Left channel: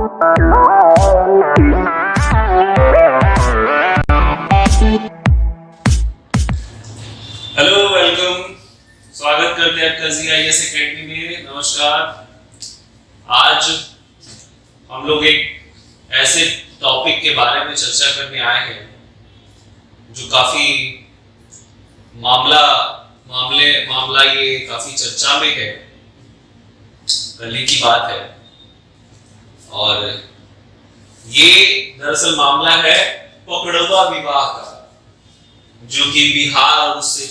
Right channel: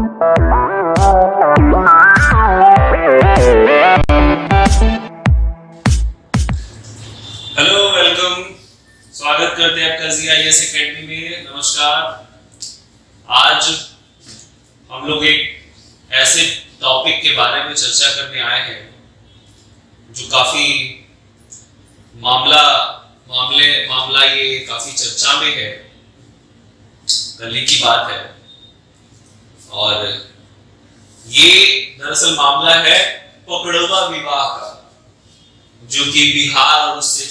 Hello, welcome. स्वागत करते हैं आपका जीआईएस एकेडमी में। नमस्कार। आज हम लोग एक ऐसे टॉपिक के बारे में चर्चा करने आए हैं जो काफी मामला ये काफी चर्चा में है। कल ही की बात है और ये दरअसल मामला है पकड़वा विवाह का, जो कि बिहार और उससे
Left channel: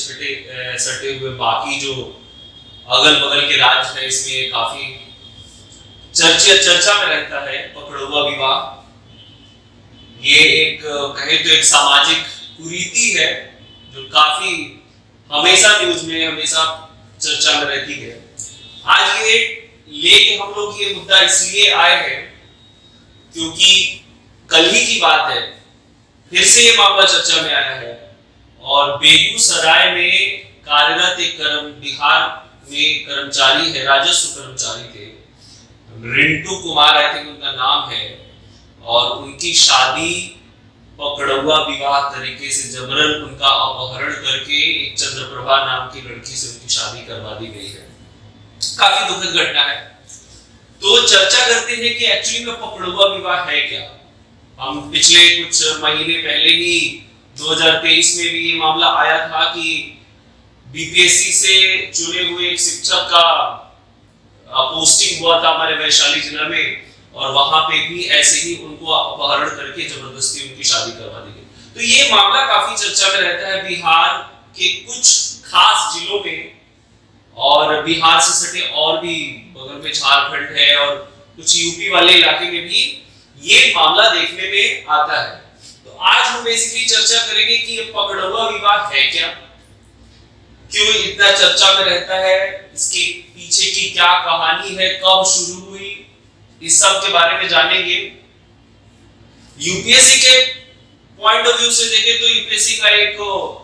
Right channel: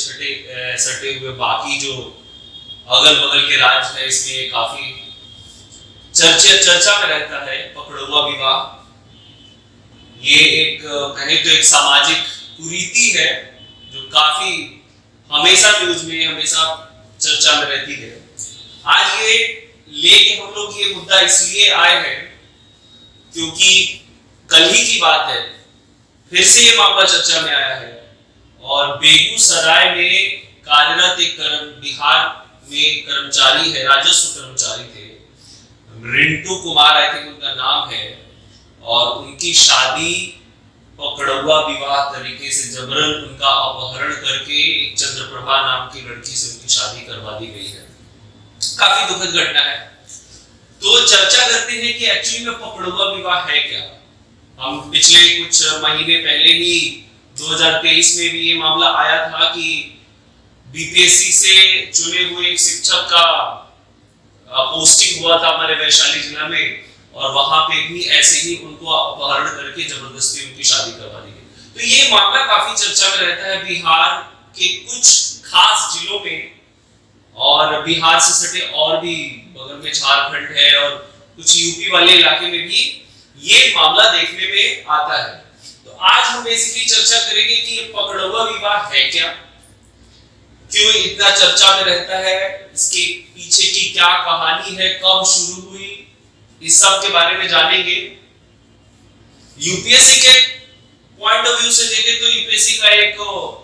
सटे हुए बाकी जो अगल बगल के राज्य है इसमें काफी चर्चा में रहता है। पकड़वा विवाह ये एक कहे तो एक सामाजिक कुरीति है जो काफी हमेशा न्यूज में हमेशा चर्चा में रहती है। आज ये लेके हम लोग ये मुद्दा इसलिए आए हैं क्योंकि कल ही की बात है, फिर से ये मामला चर्चा में आया है और बेगूसराय में कार्यरत एक बिहार में कर्मचारी है, राजस्व कर्मचारी थे, रिंटू कुमार आई थिंक उनका नाम है, और उनकी शादी पकड़वा विवाह तरीके से जबरन उनका अपहरण करके एक चंद्रप्रभा नाम की लड़की से उनकी शादी करवा दी गई है। काफी दुखद घटना है। तो चर्चा करते हैं कि एक्चुअली में पकड़वा विवाह है क्या। हम पिछले कुछ महीने पहले ही 2023 में भी ये मामला आया था कि बीपीएससी से चुने हुए एक शिक्षक का पोस्टिंग हुआ था हमारे वैशाली जिला में, और वहां पे भी ऐसे ही उनको अपहरण करके जबरदस्ती उनकी शादी करवा दी गई। तो ये मामला काफी चर्चा में रहता है बिहार के कुछ खास जिलों में, और बिहार से सटे और भी बगल में झारखंड है और कुछ यूपी वाले इलाके में भी ये मामला देखने में आता है। तो आज हम बेसिकली चर्चा करेंगे कि ये पकड़वा विवाह है क्या, क्यों इतना चर्चा में रहता है, इसके पीछे की क्या कहानी है, कब शुरू हुई, इस सब के बारे में जानेंगे। यूपीएससी के पॉइंट ऑफ व्यू से देखें तो यूपीएससी का एक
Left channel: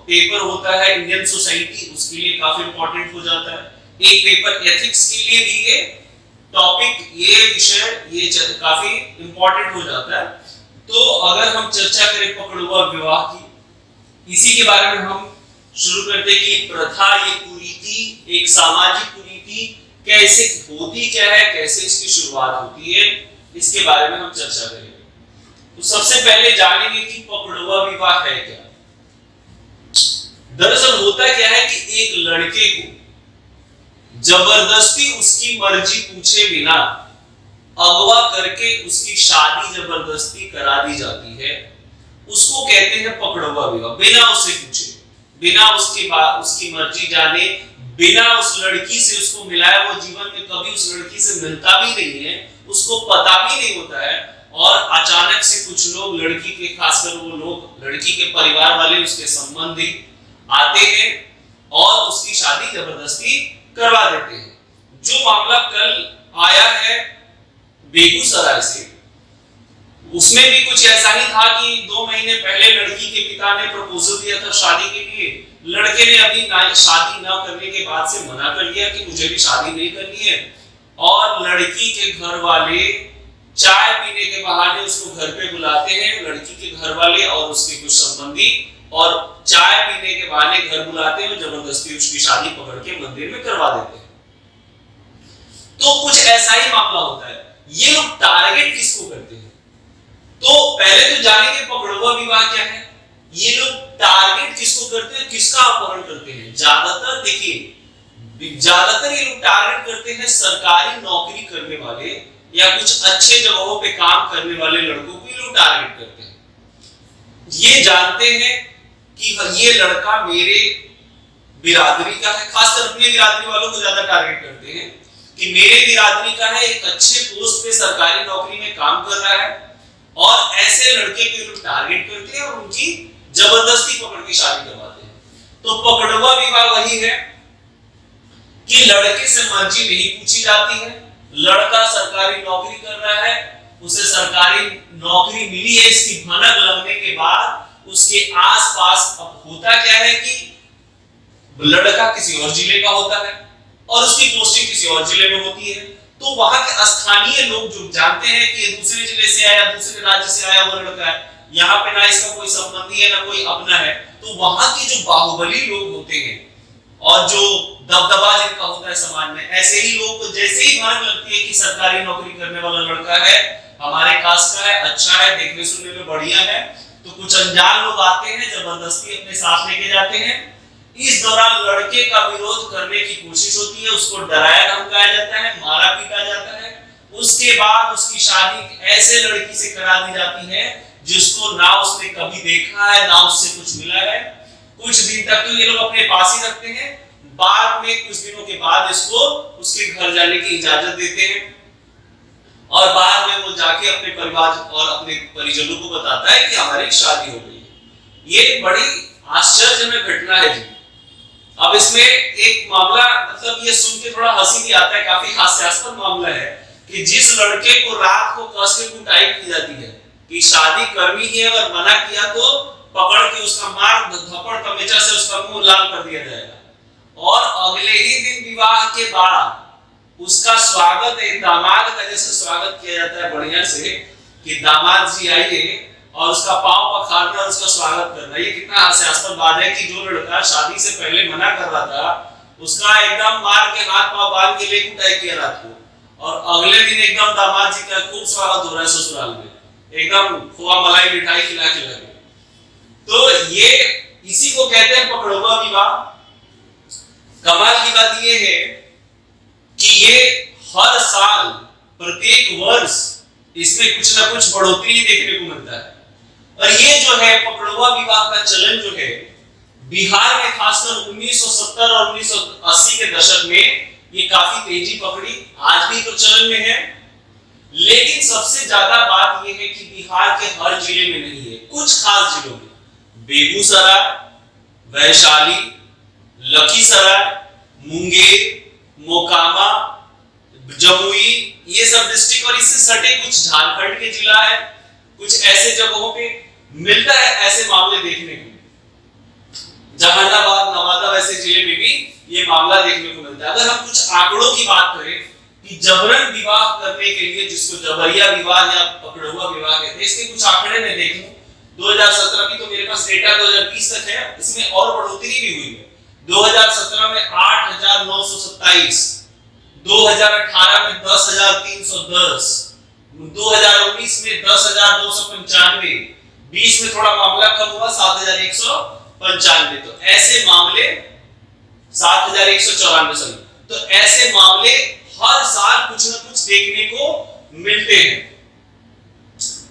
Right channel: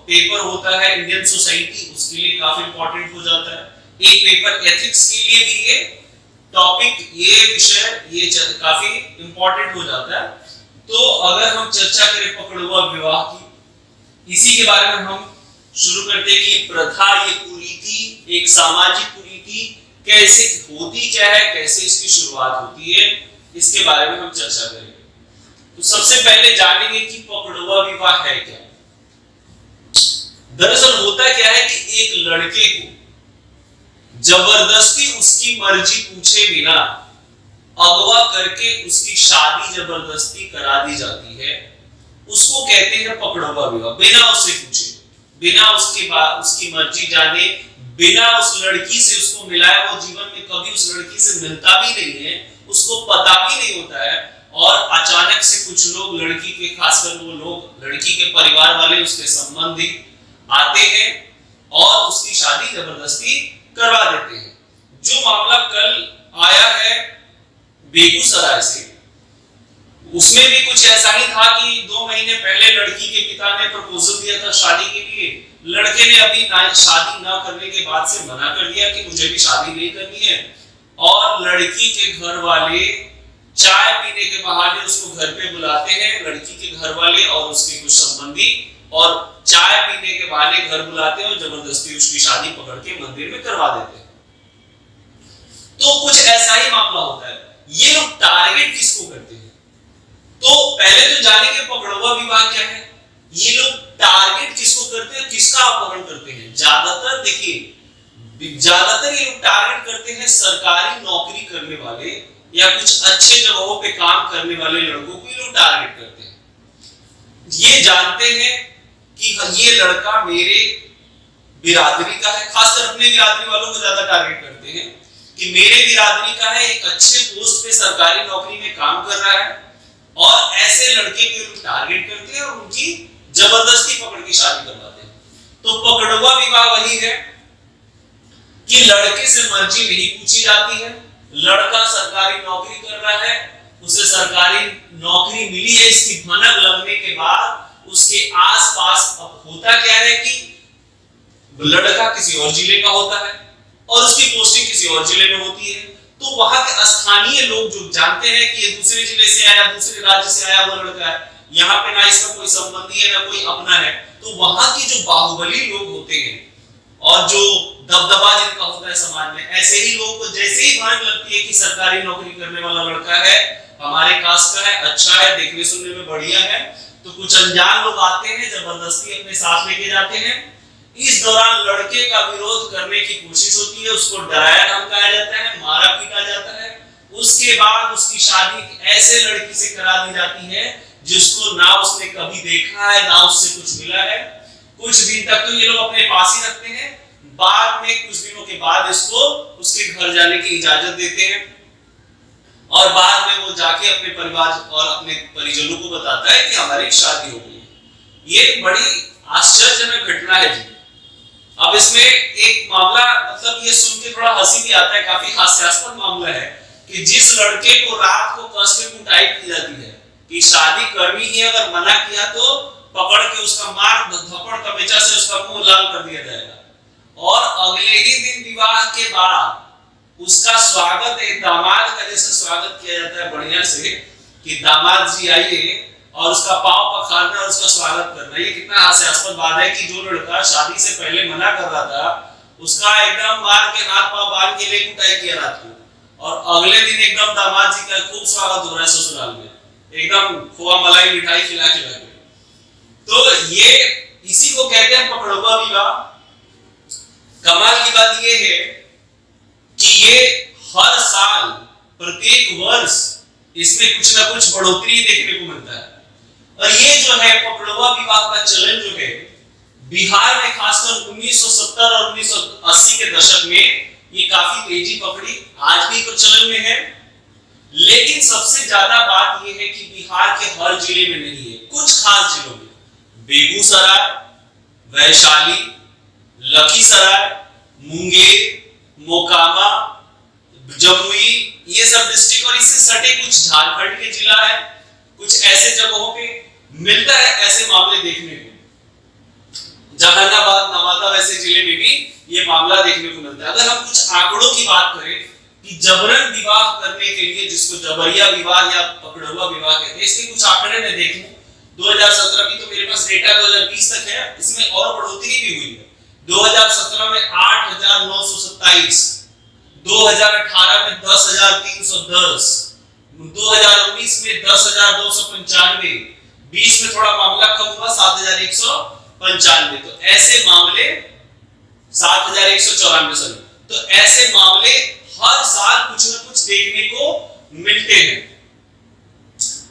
पेपर होता है इंडियन सोसाइटी, उसके लिए काफी इंपॉर्टेंट हो जाता है। एक पेपर एथिक्स के लिए भी ये टॉपिक, ये विषय ये काफी इंपॉर्टेंट हो जाता है। तो अगर हम चर्चा करें पकड़वा विवाह की, इसी के बारे में हम शुरू करते हैं कि प्रथा, ये कुरीति, एक सामाजिक कुरीति कैसे होती क्या है, कैसे इसकी शुरुआत होती है, इसके बारे में हम चर्चा करेंगे। तो सबसे पहले जानेंगे कि पकड़वा विवाह है क्या। दरअसल होता क्या है कि एक लड़के को जबरदस्ती उसकी मर्जी पूछे बिना अगवा करके उसकी शादी जबरदस्ती करा दी जाती है, उसको कहते हैं पकड़वा विवाह। बिना उससे पूछे, बिना उसकी मर्जी जाने, बिना उस लड़की से उसको मिलाए, वो जीवन में कभी उस लड़की से मिलता भी नहीं है, उसको पता भी नहीं होता है, और अचानक से कुछ लोग, लड़की के खासकर वो लोग, लड़की के परिवार वाले, उसके संबंधी आते हैं और उसकी शादी जबरदस्ती करवा देते हैं। जो मामला कल आया है बेगूसराय से, उसमें भी कुछ ऐसा ही था कि 2 महीने पहले लड़की के पिता ने प्रपोजल दिया था शादी के लिए। लड़के ने अभी शादी ना करने के बाद से मना कर दिया कि मुझे भी शादी नहीं करनी है, और लड़की के घर वाले चाय पीने के बहाने उसको घर पे बुलाते हैं, लड़की के घर वाले और उसके कुछ संबंधी, और चाय पीने के बहाने घर बुलाते हैं और जबरदस्ती उसकी शादी पकड़ के मंदिर में करवा देते हैं। तो कुछ ऐसा ही मामला होता है। ये लोग टारगेट किसको करते हैं, तो पहले तो जानेंगे पकड़वा विवाह क्या है। ये लोग टारगेट किसको करते हैं, किसका अपहरण करते हैं। ज्यादातर देखिए, ज्यादातर ये लोग टारगेट करते हैं सरकारी नौकरी करने वाले या कुछ अच्छे जगहों पे काम करने वाले लड़कों को ये लोग टारगेट करते हैं। ये जानते हैं कि ये लड़का मेरे बिरादरी का है, खासकर अपने बिरादरी वालों को ज्यादा टारगेट करते हैं कि मेरे बिरादरी का है, एक अच्छे पोस्ट पे सरकारी नौकरी में काम कर रहा है, और ऐसे लड़के को लोग टारगेट करते हैं और उनकी जबरदस्ती पकड़ के शादी करवाते हैं। तो पकड़वा विवाह वही है कि लड़के से मर्जी नहीं पूछी जाती है, लड़का सरकारी नौकरी कर रहा है, उसे सरकारी नौकरी मिली है, इसकी भनक लगने के बाद उसके आसपास अब होता क्या है कि लड़का किसी और जिले का होता है और उसकी पोस्टिंग किसी और जिले में होती है, तो वहां के स्थानीय लोग जो जानते हैं कि ये दूसरे जिले से आया, दूसरे राज्य से आया हुआ लड़का है, यहाँ पे ना इसका कोई संबंधी है ना कोई अपना है, तो वहां के जो बाहुबली लोग होते हैं और जो दबदबा जिनका होता है समाज में, ऐसे ही लोग को जैसे ही भनक लगती है कि सरकारी नौकरी करने वाला लड़का है, हमारे कास्ट का है, अच्छा है, देखने सुनने में बढ़िया है, तो कुछ अनजान लोग आते हैं, जबरदस्ती अपने साथ लेके जाते हैं। इस दौरान लड़के का विरोध करने की कोशिश होती है, उसको डराया धमकाया जाता है, मारा पीटा जाता है। उसके बाद उसकी शादी ऐसे लड़की से करा दी जाती है जिसको ना उसने कभी देखा है ना उससे कुछ मिला है। कुछ दिन तक तो ये लोग अपने पास ही रखते हैं, बाद में कुछ दिनों के बाद इसको उसके घर जाने की इजाजत देते हैं और बाद में वो जाके अपने परिवार और अपने परिजनों को बताता है कि हमारी शादी हो गई। ये बड़ी आश्चर्यजनक घटना है जी। अब इसमें एक मामला, मतलब ये सुन के थोड़ा हंसी भी आता है, काफी हास्यास्पद मामला है कि जिस लड़के को रात को कस के कुटाई की जाती है कि शादी करनी ही, अगर मना किया तो पकड़ के उसका मार धपड़ तमेचा से उसका मुंह लाल कर दिया जाएगा और अगले ही दिन विवाह के बाद उसका स्वागत एक दामाद का जैसे स्वागत किया जाता है बढ़िया से कि दामाद जी आइए, और उसका पांव पखारना और उसका स्वागत करना। ये कितना हास्यास्पद बात है कि जो लड़का शादी से पहले मना कर रहा था उसका एकदम मार के हाथ पांव बांध के ले कुटाई किया रात को, और अगले दिन एकदम दामाद जी का खूब स्वागत हो रहा है ससुराल में, एकदम खोआ मलाई मिठाई खिला खिला के। तो ये इसी को कहते हैं पकड़वा विवाह। कमाल की बात ये है कि ये हर साल प्रत्येक वर्ष इसमें कुछ ना कुछ बढ़ोतरी देखने को मिलता है। और ये जो है पकड़वा विवाह का चलन जो है बिहार में खासकर 1970 और 1980 के दशक में ये काफी तेजी पकड़ी, आज भी तो चलन में है। लेकिन सबसे ज्यादा बात ये है कि बिहार के हर जिले में नहीं है, कुछ खास जिलों में, बेगूसराय, वैशाली, लखीसराय, मुंगेर, मोकामा, जमुई, ये सब डिस्ट्रिक्ट और इससे सटे कुछ झारखंड के जिला है, कुछ ऐसे जगहों पे मिलता है ऐसे मामले देखने को। जहानाबाद, नवादा वैसे जिले में भी ये मामला देखने को मिलता है। अगर हम कुछ आंकड़ों की बात करें कि जबरन विवाह करने के लिए, जिसको जबरिया विवाह या पकड़वा विवाह कहते हैं, इसके कुछ आंकड़े मैं देखूं 2017 की, तो मेरे पास डेटा 2020 तक है, इसमें और बढ़ोतरी भी हुई है। 2017 में 8,927, 2018 में 10,310, 2019 में 10,295, 20 में थोड़ा मामला कम हुआ 7,195। तो ऐसे मामले 7,194 सॉरी, तो ऐसे मामले हर साल कुछ न कुछ देखने को मिलते हैं।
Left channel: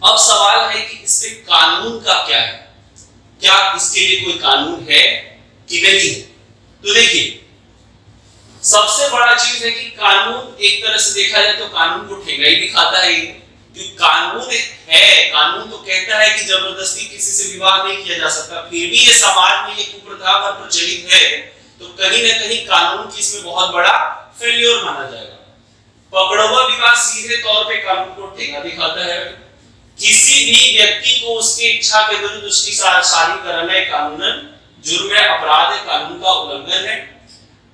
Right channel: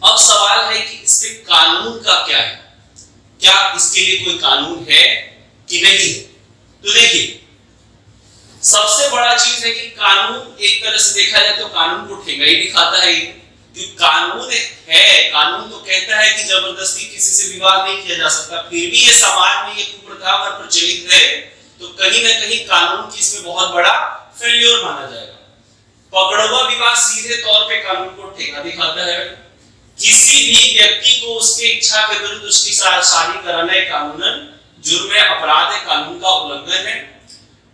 अब सवाल है कि इस पे कानून का क्या है, क्या इसके लिए कोई कानून है कि नहीं है? तो देखिए, सबसे बड़ा चीज है कि कानून एक तरह से देखा जाए तो कानून को ठेंगा ही दिखाता है, क्योंकि कानून है, कानून तो कहता है कि जबरदस्ती किसी से विवाह नहीं किया जा सकता, फिर भी ये समाज में ये कुप्रथा पर प्रचलित है, तो कहीं ना कहीं कानून की इसमें बहुत बड़ा फेल्योर माना जाएगा। पकड़वा विवाह सीधे तौर पे कानून को ठेंगा दिखाता है। किसी भी व्यक्ति को उसकी इच्छा के विरुद्ध उसकी शादी कराना एक कानूनन जुर्म है, अपराध है, कानून का उल्लंघन है।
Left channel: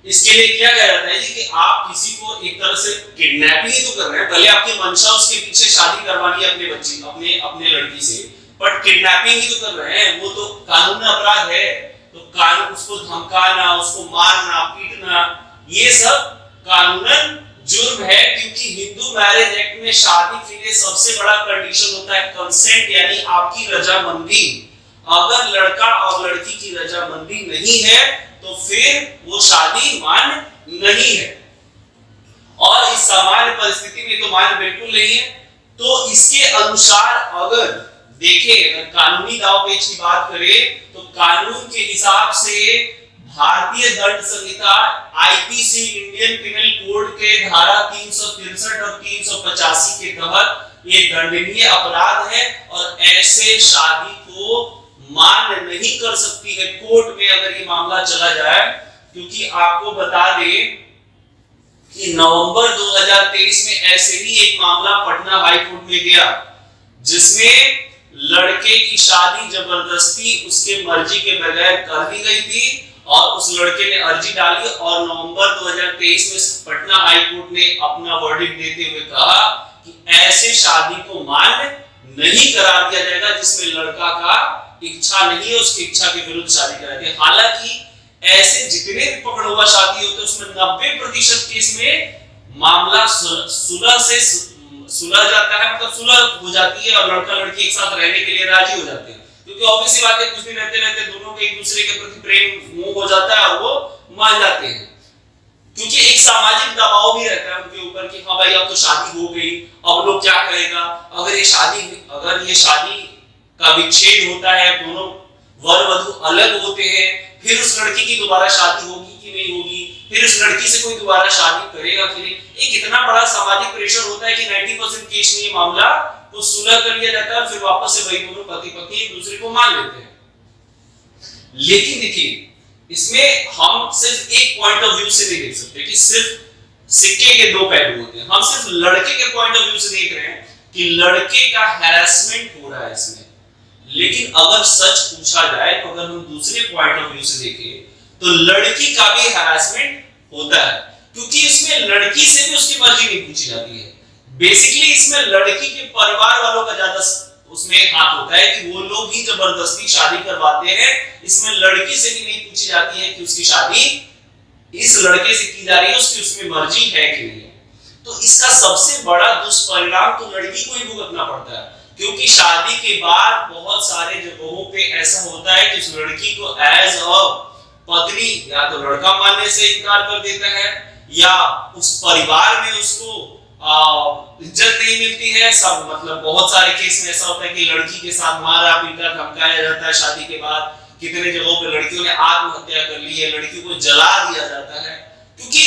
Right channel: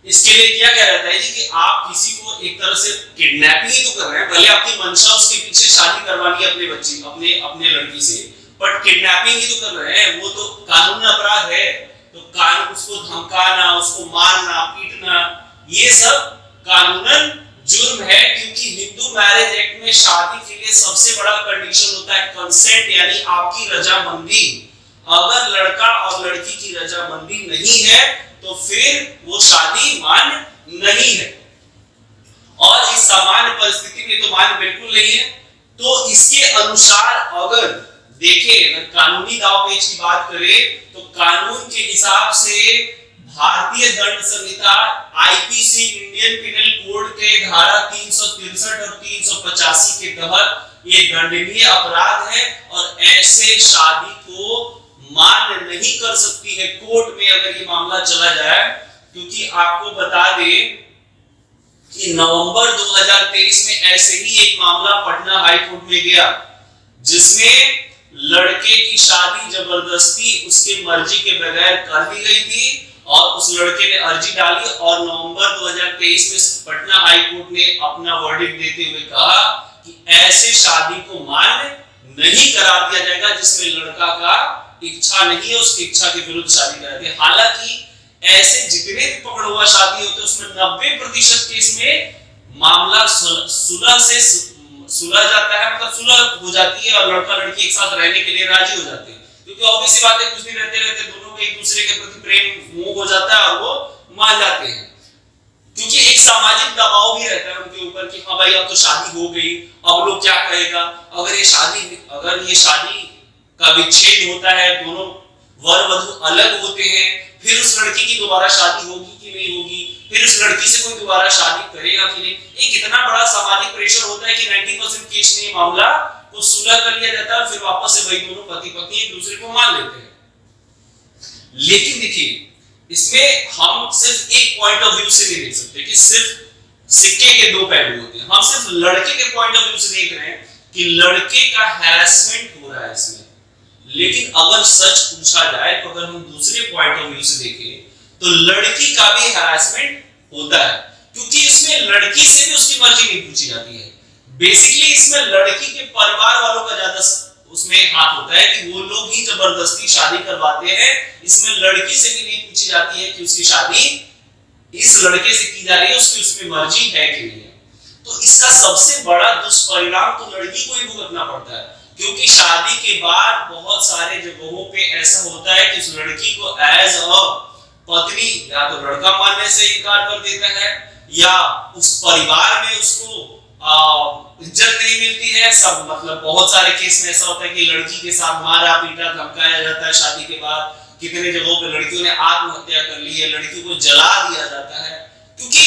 इसके लिए क्या कहा जाता है जी कि आप किसी को एक तरह से किडनैपिंग ही तो कर रहे हैं, भले आपकी मंशा उसके पीछे शादी करवानी है अपने बच्ची अपने लड़की से, बट किडनैपिंग ही तो कर रहे हैं, वो तो कानून अपराध है। तो कानून, उसको धमकाना, उसको मारना, पीटना, ये सब कानूनन जुर्म है, क्योंकि हिंदू मैरिज एक्ट में शादी के लिए सबसे बड़ा कंडीशन होता है कंसेंट, यानी आपकी रजामंदी। अगर लड़का और लड़की की रजामंदी नहीं है तो फिर वो शादी मान्य नहीं है, और इस सामान्य परिस्थिति में तो मान्य बिल्कुल नहीं है। तो इसके अनुसार अगर देखें, अगर कानूनी दावपेच की बात करें तो कानून के हिसाब से भारतीय दंड संहिता आईपीसी इंडियन पिनल कोड के धारा 363 और 385 के तहत ये दंडनीय अपराध है, और ऐसे शादी को मान्य नहीं कर सकती है कोर्ट में अगर ये मामला चला जाए। क्योंकि आपको बता दें कि नवंबर 2023 में ऐसे ही एक मामला पटना हाई कोर्ट में गया, जिसमें लड़के की शादी जबरदस्ती उसके मर्जी के बगैर कर दी गई थी, और उस लड़के ने अर्जी डाली और नवंबर 2023 में पटना हाई कोर्ट ने अपना वर्डिक्ट देते हुए कहा कि ऐसे शादी को मान्य नहीं करार दिया जाएगा जिसमें लड़का का इच्छा नहीं है, उसकी इच्छा के विरुद्ध शादी कराती है। हालांकि ऐसे जितने भी पकड़ हुआ शादी होते हैं उसमें 90% केस में मामला सुलह से सुलह जाता है, मतलब सुलह हो जाती है और लड़का लड़की एक साथ रहने के लिए राजी हो जाते हैं, क्योंकि ऑब्वियस सी बात है कुछ दिन रहते रहते दोनों के एक दूसरे के प्रति प्रेम मोह हो जाता है और वो मान जाते हैं, क्योंकि एक सामाजिक दबाव भी रहता है उनके ऊपर कि हाँ भाई अब तो शादी हो गई, अब लोग क्या कहेगा, अगर ये शादी का विच्छेद होता है, दोनों वर वधु अलग होते हैं, फिर उस लड़की की दोबारा शादी होगी कि नहीं होगी, फिर उस लड़की से कोई दोबारा शादी करेगा कि नहीं, एक इतना बड़ा सामाजिक प्रेशर होता है कि 90% केस में ये मामला को सुलह कर लिया जाता है और फिर वापस से वही दोनों पति पत्नी एक दूसरे को मान लेते हैं। लेकिन देखिए इसमें हम सिर्फ एक पॉइंट ऑफ व्यू से नहीं देख सकते कि सिर्फ सिक्के के दो पहलू होते हैं, हम सिर्फ लड़के के पॉइंट ऑफ व्यू से देख रहे हैं कि लड़के का हैरेसमेंट हो रहा है इसमें। लेकिन अगर सच पूछा जाए तो अगर हम दूसरे पॉइंट ऑफ व्यू से देखें तो लड़की का भी हैरेसमेंट होता है, क्योंकि इसमें लड़की से भी उसकी मर्जी नहीं पूछी जाती है। बेसिकली इसमें लड़की के परिवार वालों का ज्यादा उसमें हाथ होता है कि वो लोग ही जबरदस्ती शादी करवाते हैं, इसमें लड़की से भी नहीं पूछी जाती है कि उसकी शादी इस लड़के से की जा रही है, उसकी उसमें मर्जी है कि नहीं है। तो इसका सबसे बड़ा दुष्परिणाम तो लड़की को ही भुगतना पड़ता है, क्योंकि शादी के बाद बहुत सारे जगहों पे ऐसा होता है कि उस लड़की को एज अ पत्नी या तो लड़का मानने से इनकार कर देता है या उस परिवार में उसको इज्जत नहीं मिलती है। सब मतलब बहुत सारे केस में ऐसा होता है कि लड़की के साथ मारा पीटा धमकाया जाता है शादी के बाद, कितने जगहों पे लड़कियों ने आत्महत्या कर ली है, लड़कियों को जला दिया जाता है, क्योंकि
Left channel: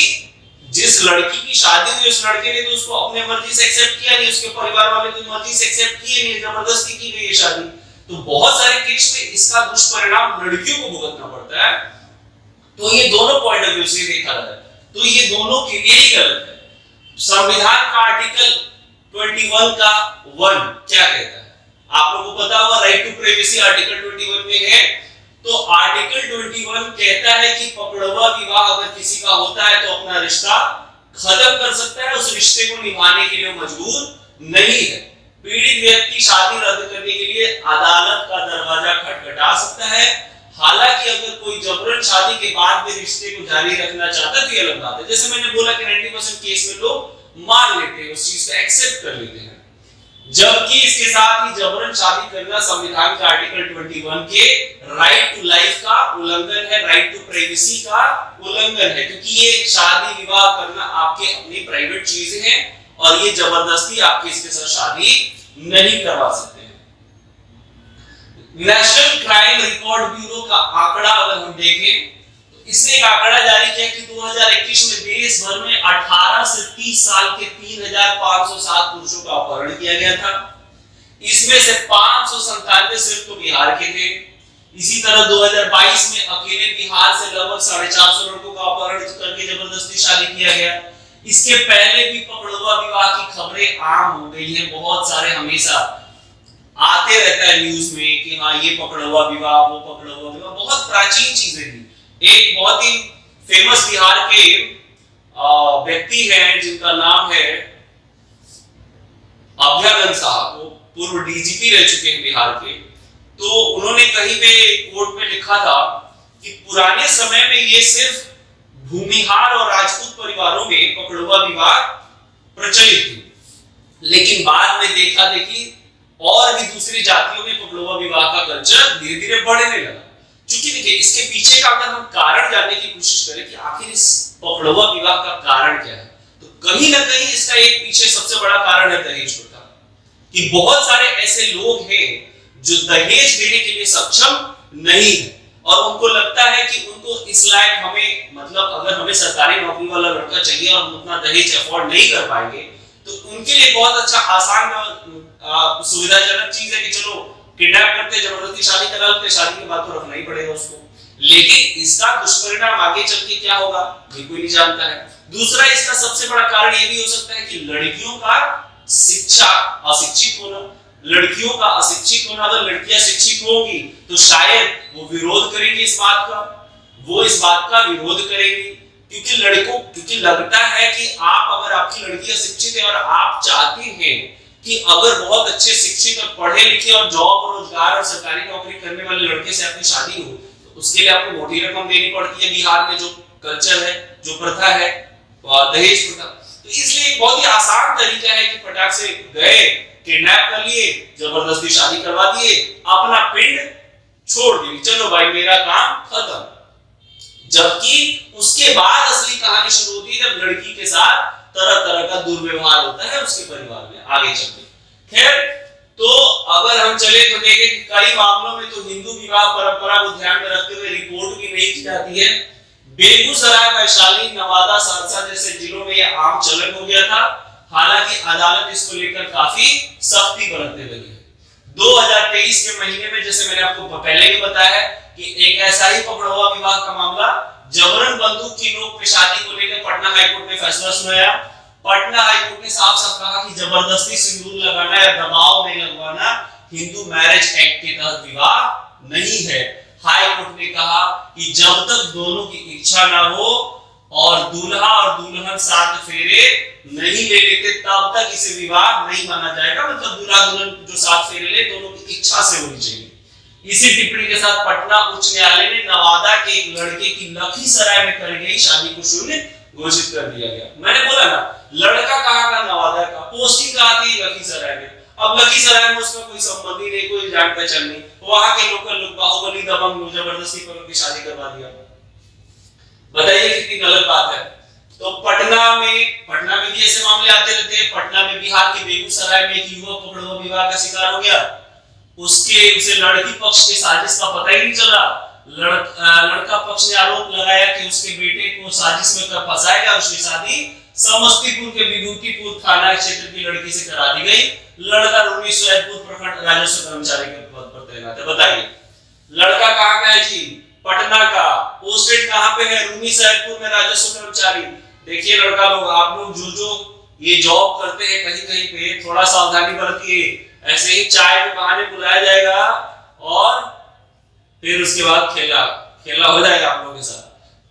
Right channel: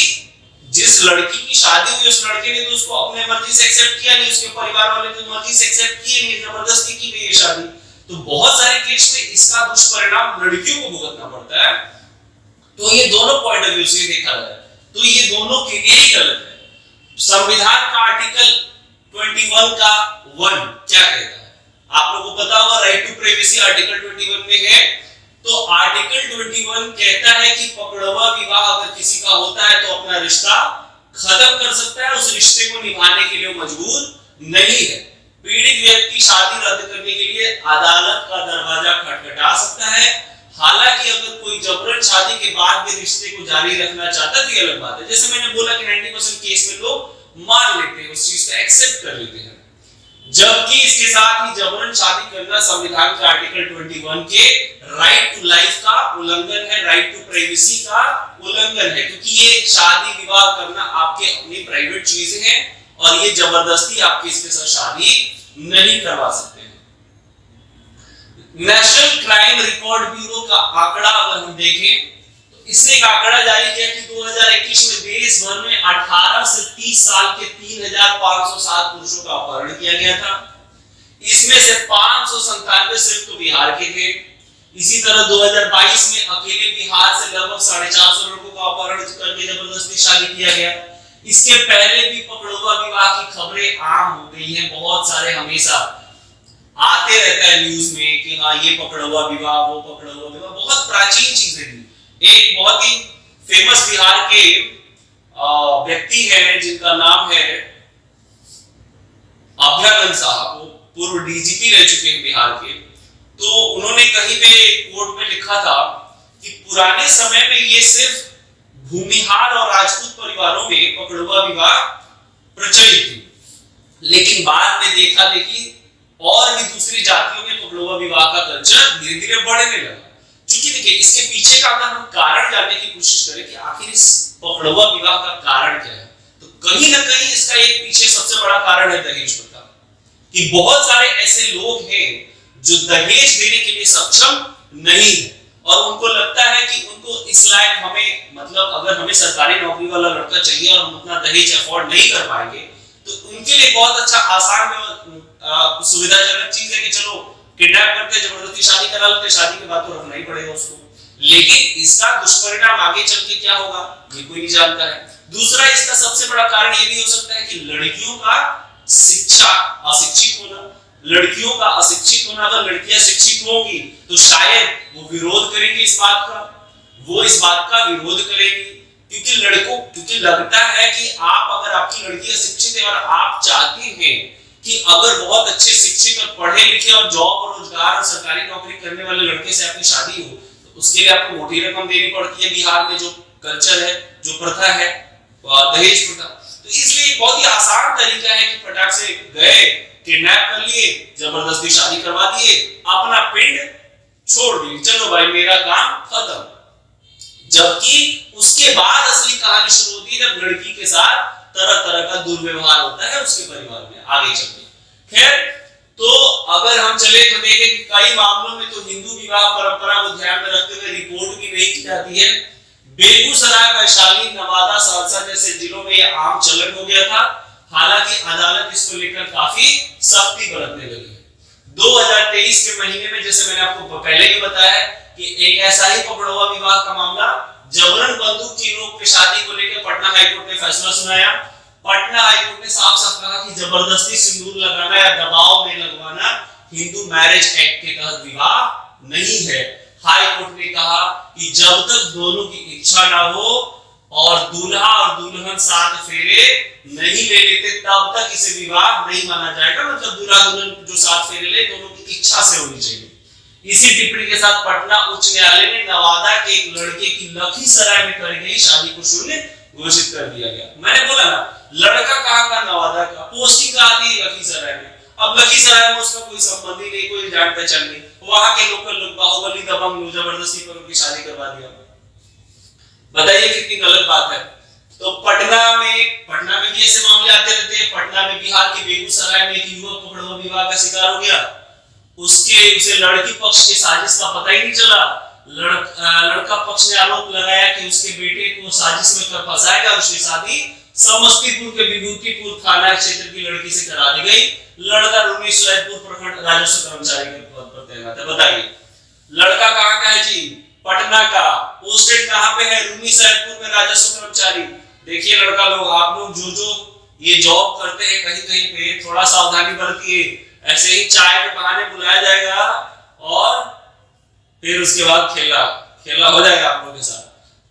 जिस लड़की की शादी हुई उस लड़के ने तो उसको अपने मर्जी से एक्सेप्ट किया नहीं, उसके परिवार वाले ने मर्जी से एक्सेप्ट किए नहीं, जबरदस्ती की गई है शादी। तो बहुत सारे केस में इसका दुष्परिणाम लड़कियों को भुगतना पड़ता है। तो ये दोनों पॉइंट ऑफ व्यू से देखा जाए तो ये दोनों के लिए ही गलत है। संविधान का आर्टिकल 21 का 1 क्या कहता है, आप लोगों को पता होगा, राइट टू प्राइवेसी आर्टिकल 21 में है। तो आर्टिकल 21 कहता है कि पकड़वा विवाह अगर किसी का होता है तो अपना रिश्ता खत्म कर सकता है, उस रिश्ते को निभाने के लिए मजबूर नहीं है। पीड़ित व्यक्ति शादी रद्द करने के लिए अदालत का दरवाजा खटखटा सकता है। हालांकि अगर कोई जबरन शादी के बाद भी रिश्ते को जारी रखना चाहता है तो ये अलग बात है। जैसे मैंने बोला कि 90% केस में लोग मान लेते हैं, उस चीज को एक्सेप्ट कर लेते हैं, जबकि इसके साथ ही जबरन शादी करना संविधान के आर्टिकल 21 के राइट टू लाइफ का उल्लंघन है, राइट टू प्राइवेसी का उल्लंघन है, क्योंकि ये शादी विवाह करना आपके अपनी प्राइवेट चीजें हैं और ये जबरदस्ती आपके इसके साथ शादी नहीं करवा सकते। नेशनल क्राइम रिकॉर्ड ब्यूरो का आंकड़ा अगर हम देखें तो इसने एक आंकड़ा जारी किया कि 2021 में देश भर में 18 से 30 साल के 3507 पुरुषों का अपहरण किया गया था। इसमें से 597 सिर्फ तो बिहार के थे। इसी तरह 2022 में अकेले बिहार से लगभग 450 लड़कों का अपहरण करके जबरदस्ती शादी किया गया। इसके पहले भी पकड़वा विवाह की खबरें आम हो गई हैं, बहुत सारे हमेशा आते रहता है न्यूज में कि हाँ ये पकड़वा विवाह वो पकड़वा विवाह, बहुत प्राचीन चीजें थी। एक बहुत ही फेमस बिहार के व्यक्ति हैं जिनका नाम है अभ्यागत साहब, वो पूर्व डीजीपी रह चुके हैं बिहार के। तो उन्होंने कहीं पे कोर्ट में लिखा था कि पुराने समय में ये सिर्फ भूमिहार और राजपूत परिवारों में पकड़वा विवाह प्रचलित थी, लेकिन बाद में देखा देखी और भी दूसरी जातियों में पकड़वा विवाह का कल्चर धीरे धीरे बढ़ने लगा। क्योंकि देखिए इसके पीछे का अगर हम कारण जानने की कोशिश करें कि आखिर इस पकड़वा विवाह का कारण क्या है, तो कहीं ना कहीं इसका एक पीछे सबसे बड़ा कारण है दहेज प्रथा। कि बहुत सारे ऐसे लोग हैं जो दहेज देने के लिए सक्षम नहीं है और उनको लगता है कि उनको इस लायक हमें, मतलब अगर हमें सरकारी नौकरी वाला लड़का चाहिए और हम उतना दहेज अफोर्ड नहीं कर पाएंगे तो उनके लिए बहुत अच्छा आसान सुविधाजनक चीज है कि चलो किडनैप करते, जबरदस्ती शादी करा लेते, शादी के बाद तो रखना ही पड़ेगा उसको। लेकिन इसका दुष्परिणाम आगे चल के क्या होगा ये कोई नहीं जानता है। दूसरा इसका सबसे बड़ा कारण ये भी हो सकता है कि लड़कियों का शिक्षा अशिक्षित होना, लड़कियों का अशिक्षित होना। अगर लड़कियां शिक्षित होंगी तो शायद वो विरोध करेंगी इस बात का, वो इस बात का विरोध करेंगी, क्योंकि लगता है कि अगर आपकी लड़की अशिक्षित है और आप चाहते हैं कि अगर बहुत अच्छे शिक्षित और पढ़े लिखे और जॉब और रोजगार और सरकारी नौकरी करने वाले लड़के से आपकी शादी हो, तो उसके लिए आपको मोटी रकम देनी पड़ती है। बिहार में जो कल्चर है, जो प्रथा है, दहेज प्रथा। तो इसलिए बहुत ही आसान तरीका है कि फटाक से गए, किडनैप कर लिए, जबरदस्ती शादी करवा दिए, अपना पिंड छोड़ दिए, चलो भाई मेरा काम खत्म। जबकि उसके बाद असली कहानी शुरू होती है, जब लड़की के साथ तरह तरह का दुर्व्यवहार होता है उसके परिवार में आगे चलकर। खैर, तो अगर हम चले तो देखें कि कई मामलों में तो हिंदू विवाह परंपरा को ध्यान में रखते हुए रिपोर्ट भी नहीं की जाती है। बेगूसराय, वैशाली, नवादा, सहरसा जैसे जिलों में यह आम चलन हो गया था। हालांकि अदालत इसको लेकर काफी सख्ती बरतने लगी। 2023 के महीने में, जैसे मैंने आपको पहले भी बताया कि एक ऐसा ही पकड़वा विवाह का मामला, जबरन बंदूक की नोक पे शादी को लेकर पटना हाईकोर्ट ने फैसला सुनाया। पटना हाईकोर्ट ने साफ साफ कहा कि जबरदस्ती सिंदूर लगाना या दबाव में लगवाना हिंदू मैरिज एक्ट के तहत विवाह नहीं है। हाईकोर्ट ने कहा कि जब तक दोनों की इच्छा ना हो और दूल्हा और दुल्हन साथ फेरे नहीं ले लेते, तब तक इसे विवाह नहीं माना जाएगा। मतलब दूल्हा दुल्हन जो साथ फेरे ले, दोनों की इच्छा से होनी चाहिए। इसी टिप्पणी के साथ पटना उच्च न्यायालय ने नवादा के एक लड़के की लखीसराय में कर गई शादी को शून्य घोषित कर दिया गया। मैंने बोला ना, लड़का कहाँ का, नवादा का, पोस्टिंग कहाँ थी, लखीसराय में। अब लखीसराय में उसका कोई संबंध ही नहीं, कोई जान पहचान नहीं, वहां के लोकल लोग बाहुबली दबंग लोग जबरदस्ती पकड़ के शादी करवा दिया। बताइए कितनी गलत बात है। तो पटना में भी ऐसे मामले आते रहते हैं। पटना में, बिहार के बेगूसराय में एक युवक पकड़वा विवाह का शिकार हो गया। उसे लड़की पक्ष की साजिश का पता ही नहीं चला। लड़का पक्ष ने आरोप लगाया कि उसके बेटे को साजिश में कर फंसाएगा। उसकी शादी समस्तीपुर के विभूतिपुर थाना क्षेत्र की लड़की से करा दी गई। लड़का रूमी सैदपुर प्रखंड राजस्व कर्मचारी के पद पर तैनात है। बताइए, लड़का कहाँ का है जी? पटना का। पोस्टेड कहाँ पे है? रूमी सैदपुर में राजस्व कर्मचारी। देखिए लड़का लोग, आप लोग जो ये जॉब करते हैं कहीं कहीं पे, थोड़ा सावधानी बरतिए। ऐसे ही चाय के बहाने बुलाया जाएगा और फिर उसके बाद खेला हो जाएगा आप लोगों के साथ।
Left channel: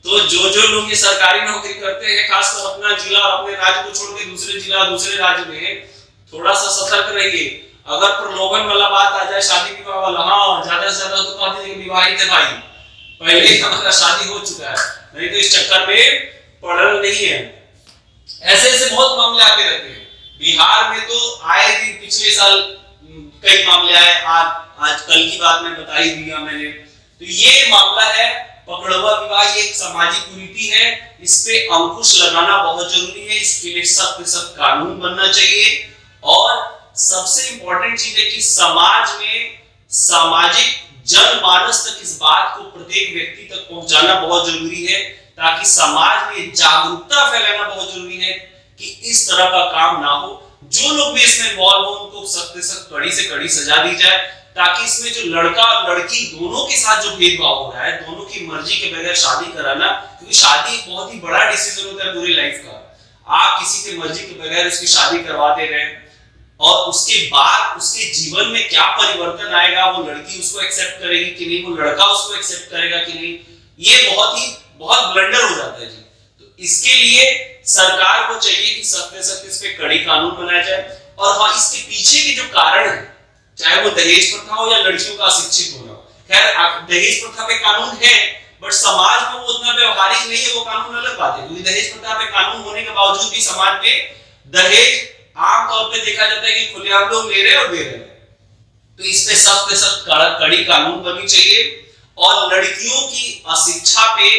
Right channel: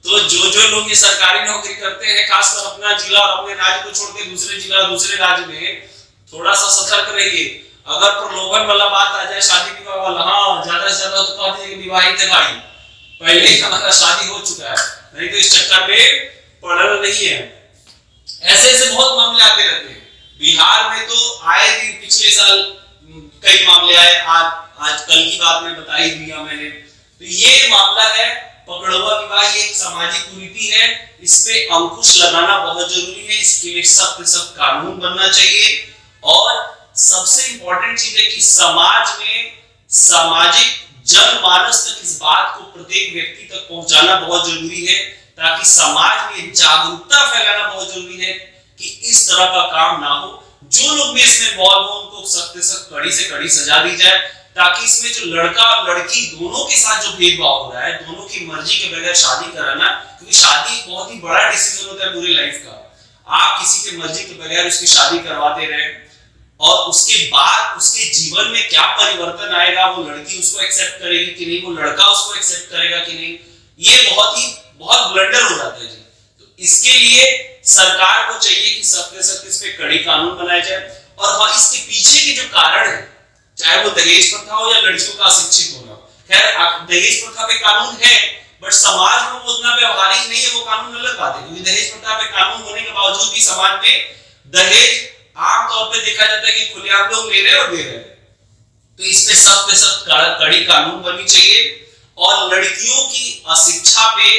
तो जो लोग ये सरकारी नौकरी करते हैं, खासकर अपना जिला और अपने राज्य को छोड़ के दूसरे जिला और दूसरे राज्य में, थोड़ा सा सतर्क रहिए। अगर प्रलोभन वाला बात आ जाए, शादी विवाह वाला, हाँ ज्यादा से ज्यादा तो कह दीजिए विवाहित है भाई, पहले ही हमारा शादी हो चुका है, नहीं तो इस चक्कर में पड़ना नहीं है। ऐसे बहुत मामले आते रहते हैं। बिहार में तो आए दिन पिछले साल कई मामले आए। आज कल की बात में बता ही दिया मैंने। तो ये मामला है पकड़वा विवाह, ये एक सामाजिक कुरीति है। इस पे अंकुश लगाना बहुत जरूरी है। इसके लिए सख्त कानून बनना चाहिए। और सबसे इंपॉर्टेंट चीज है कि समाज में सामाजिक जनमानस तक इस बात को प्रत्येक व्यक्ति तक पहुंचाना बहुत जरूरी है, ताकि समाज में जागरूकता फैलाना बहुत जरूरी है कि इस तरह का काम ना हो। जो लोग भी इसमें इन्वॉल्व हो उनको सख्त से कड़ी से कड़ी सजा दी जाए, ताकि इसमें जो लड़का और लड़की दोनों के साथ जो भेदभाव हो रहा है, दोनों की मर्जी के बगैर शादी कराना, क्योंकि शादी बहुत ही बड़ा डिसीजन होता है पूरी लाइफ का। आप किसी की मर्जी के बगैर उसकी शादी करवाते रहे और उसके बाद उसके जीवन में क्या परिवर्तन आएगा, वो लड़की उसको एक्सेप्ट करेगी कि नहीं, वो लड़का उसको एक्सेप्ट करेगा कि नहीं, ये बहुत ब्लंडर हो जाता है जी। तो इसके लिए सरकार को चाहिए कि सख्त से सख्त इस पे कड़ी कानून बनाया जाए। और हाँ, इसके पीछे के जो कारण है, चाहे वो दहेज प्रथा हो या लड़कियों का अशिक्षित होना। खैर, दहेज प्रथा पे कानून है, बट समाज में वो उतना व्यवहारिक नहीं है, वो कानून अलग बात है। क्योंकि दहेज प्रथा पे कानून होने के बावजूद भी समाज में दहेज आमतौर पे देखा जाता है कि खुलेआम लोग ले रहे और दे रहे हैं। तो इस पे सख्त कड़ी कानून बननी चाहिए। और लड़कियों की अशिक्षा पे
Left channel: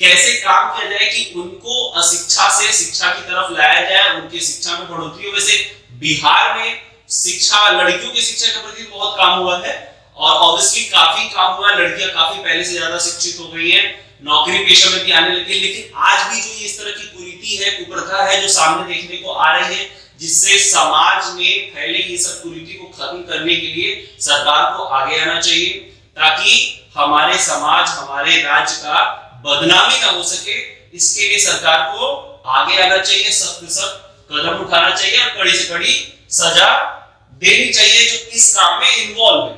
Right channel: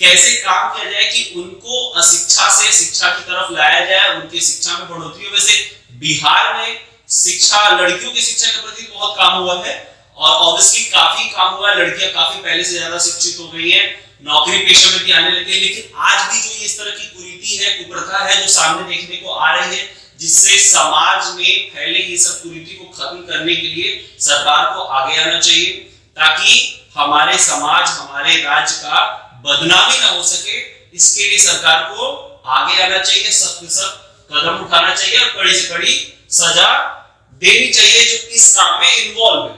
कैसे काम किया जाए कि उनको अशिक्षा से शिक्षा की तरफ लाया जाए, उनकी शिक्षा में बढ़ोतरी हो। वैसे बिहार में शिक्षा, लड़कियों की शिक्षा के प्रति बहुत काम हुआ है और ऑब्वियसली काफी काम हुआ है। लड़कियां काफी पहले से ज्यादा शिक्षित हो गई हैं, नौकरी पेशा में भी आने लगी है। लेकिन आज भी जो इस तरह की कुरीति है, कुप्रथा है, जो सामने देखने को आ रही है, जिससे समाज में फैले ये सब कुरीति को खत्म करने के लिए सरकार को आगे आना चाहिए, ताकि हमारे समाज, हमारे राज्य का बदनामी ना हो सके। इसके लिए सरकार को आगे आना चाहिए, सख्त कदम उठाना चाहिए और कड़ी से कड़ी सजा देनी चाहिए जो इस काम में इन्वॉल्व है।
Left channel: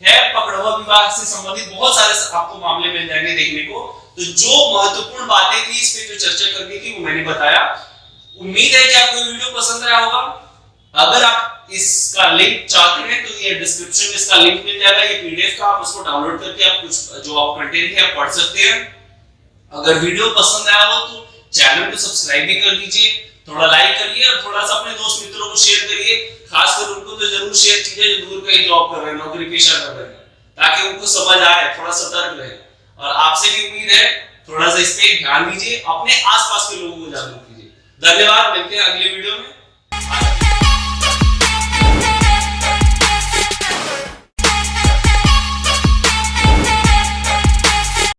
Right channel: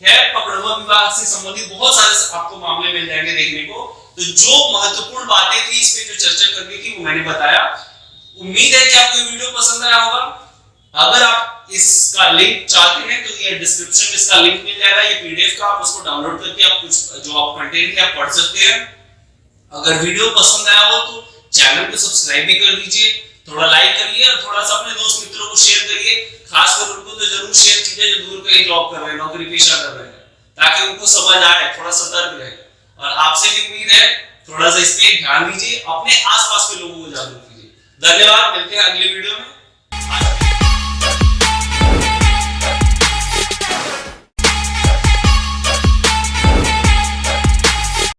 खैर, पकड़वा विवाह से संबंधित बहुत सारे आपको मामले मिल जाएंगे देखने को। तो जो महत्वपूर्ण बातें थी इस पे जो चर्चा करनी थी वो मैंने बताया। उम्मीद है कि आपको ये वीडियो पसंद आया होगा। अगर आप इसका लिंक चाहते हैं तो ये डिस्क्रिप्शन में इसका लिंक मिल जाएगा, ये पीडीएफ का, आप उसको डाउनलोड करके आप कुछ जो आप कंटेंट है आप पढ़ सकते हैं। अगर वीडियो पसंद आया हो तो चैनल को सब्सक्राइब भी कर दीजिए, थोड़ा लाइक करिए और थोड़ा सा अपने दोस्त मित्रों को शेयर करिए, खासकर उनको तो जरूर शेयर कीजिए जो दूर कहीं जॉब कर रहे हैं, नौकरी पेशा कर रहे हैं, ताकि उनको समझ आए, थोड़ा सतर्क रहे। और आपसे भी उम्मीद है थोड़ा सा इस पे ध्यान दीजिए, अपने आसपास के लोगों को जागरूक कीजिए। धन्यवाद, मिलते हैं अगले वीडियो में।